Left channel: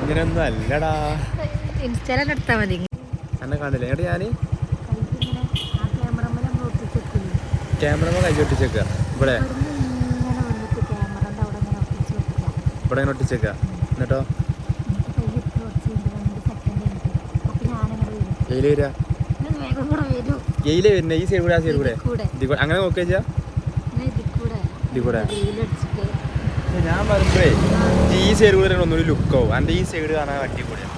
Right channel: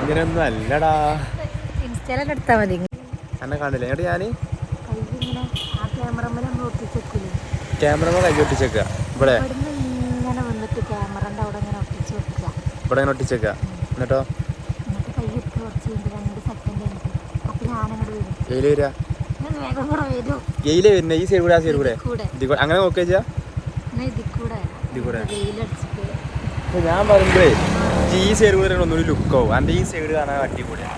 ഇങ്ങനെയൊന്നും അല്ലടാ. ഇൻസ്റ്റയിലെല്ലാം എടുത്താൽ മതി. എന്നെ കാണില്ല എന്നിട്ട് ഞാന് ക്യാമറ കൈ ഒട്ടിച്ചേക്ക ഇവിടെ ഇങ്ങനെ വന്നിട്ട് ക്യാമറന്റെ അവിടെ ഇങ്ങനെ ഒട്ടിച്ച് വെക്കുക. ഇവിടെ ഇങ്ങനെ ഒട്ടിച്ചേക്ക എന്നിട്ടോ കൈ ഇട്ട് കുറച്ച് കഴിഞ്ഞിട്ട് 2 സെക്കൻഡ് കഴിഞ്ഞിട്ട് അപ്പൊ ഞാനങ്ങോട്ട് വരും. എയില് വരാ വേഗം കൂടെ വരും. എയില് വരുന്നേ? ഈ സൈഡ് കൂടെ ആ സൈഡ് കൂടെ അങ്ങനെ നോക്കിയാ വെയിലടിച്ചിട്ട് ഞാൻ പറയുമ്പോഴേ ഈ സൈഡ് കൂടെ ഒന്നുകൂടി ലുക്കാവും. എൻ്റെ ഈ സൈഡ് കാണാൻ അടിപൊളിയാ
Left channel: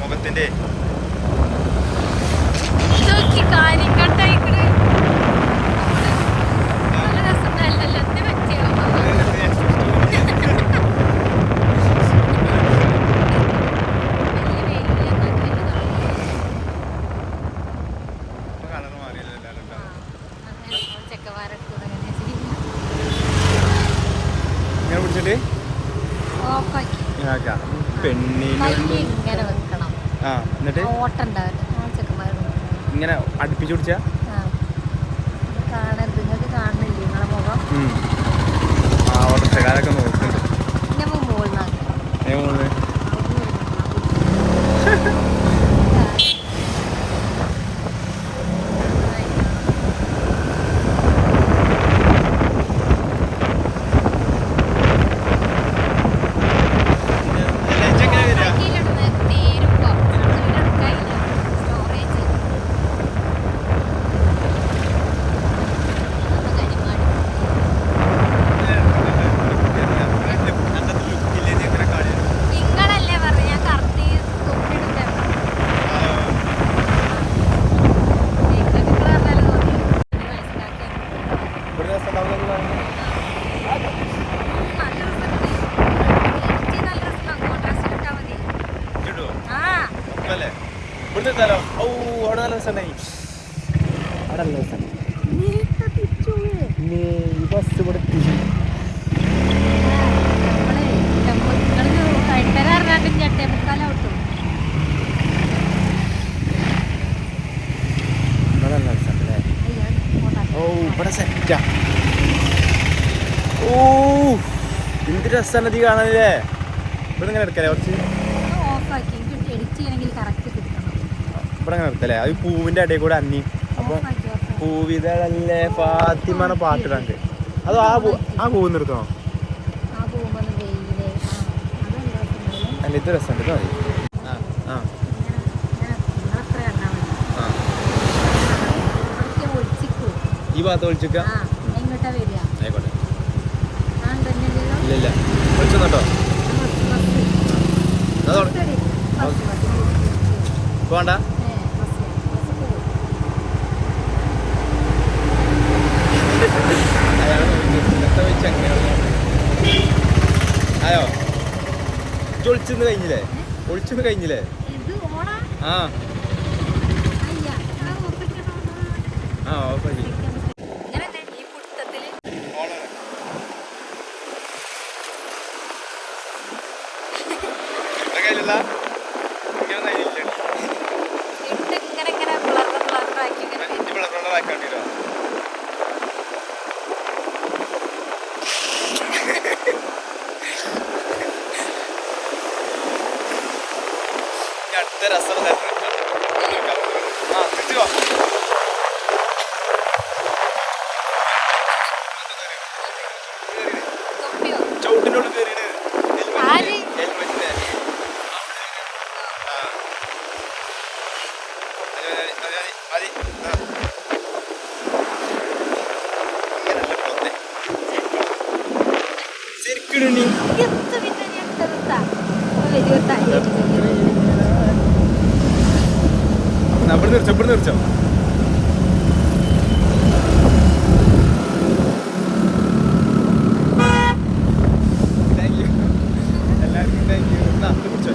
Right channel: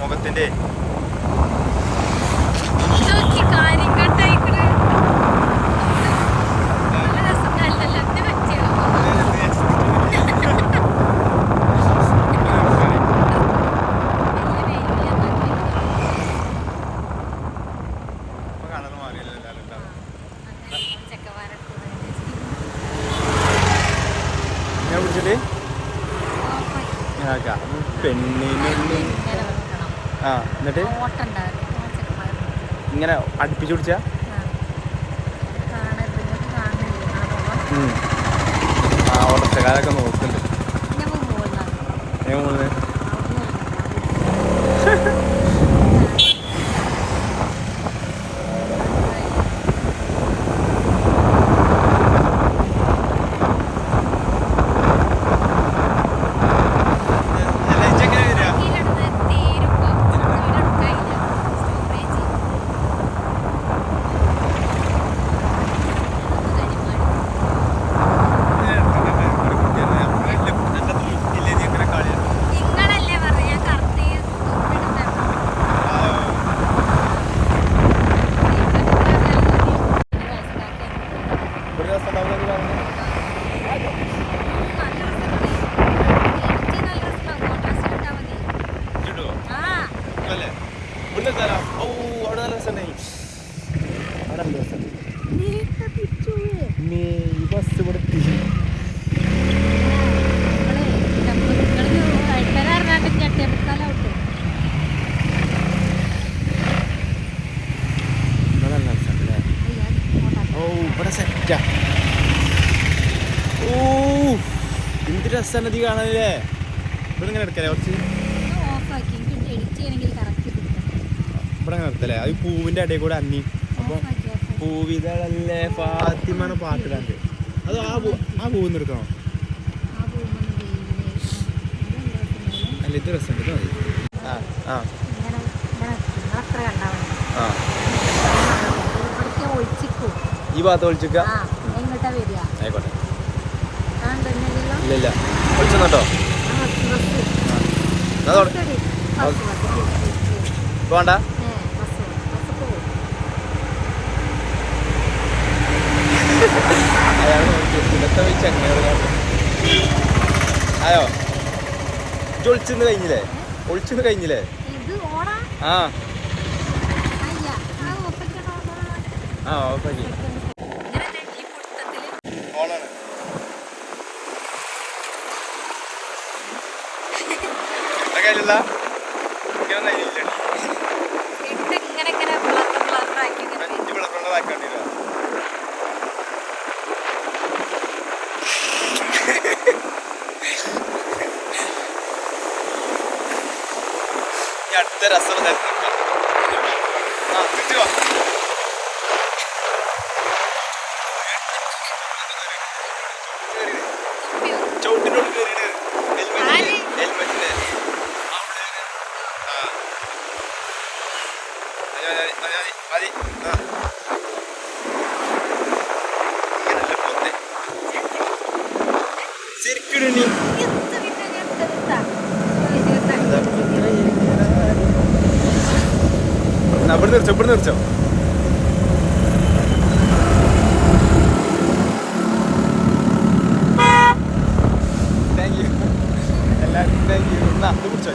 മുഖത്തിന്റെ. ഞാൻ പിടിച്ചിട്ട് പെണ്ണിനുള്ളിൽ ആ എന്നിട്ട് ഇങ്ങനെ അടുപ്പിച്ച് പിടിച്ച ആ ഓട്ടക്കാരൊക്കെ നോക്കുന്നുണ്ട്. എന്ത് രസമാണ് ഇത് കാണാനല്ലേ. ഇവിടെ ഇങ്ങനെ എടുക്കല്ലേ കുറച്ച് ഇവിടെ ഇങ്ങനെ എടുക്കല്ലേ. അത് പൂവിന്റെ ഇടയിൽ കൂടെ അന്നി അപ്പൊ പൂവിതളല്ലേ ഫാത്തിമാണ് പാട്ടിടാണ്ട്. അത് ആ പൂവ് നിർത്തണോ? അല്ല ഇത് രസമുണ്ട്. ഇത് മതി. ആ ആ ഈ ഭാഗത്ത് ഒളിച്ചിക്ക ആയിക്കോട്ടെ. ഇല്ല ഒളിച്ചോട്ടോ. വേണ്ട അയാൾ നോക്കി അങ്ങനെ ആയോ? ഒളിച്ചെന്ന് കഴിഞ്ഞില്ലേ? ഒളിച്ചെന്ന് കഴിഞ്ഞില്ലേ? ആ ആ ഓപ്പാക്കി ഓണാണ്. കയ്യിലുള്ള ാക്കിയോ അടുത്ത രസമുള്ള കിട്ടിയോ? ചവിട്ടിനോട് കയറിയത് ഹെൽമെറ്റിന് മതി. ശരിക്കും ഇവിടെ നിർച്ചോ. താങ്ക് യു എല്ലാവർക്കും. Thank you. എന്നാ അത് കുടിച്ചോ.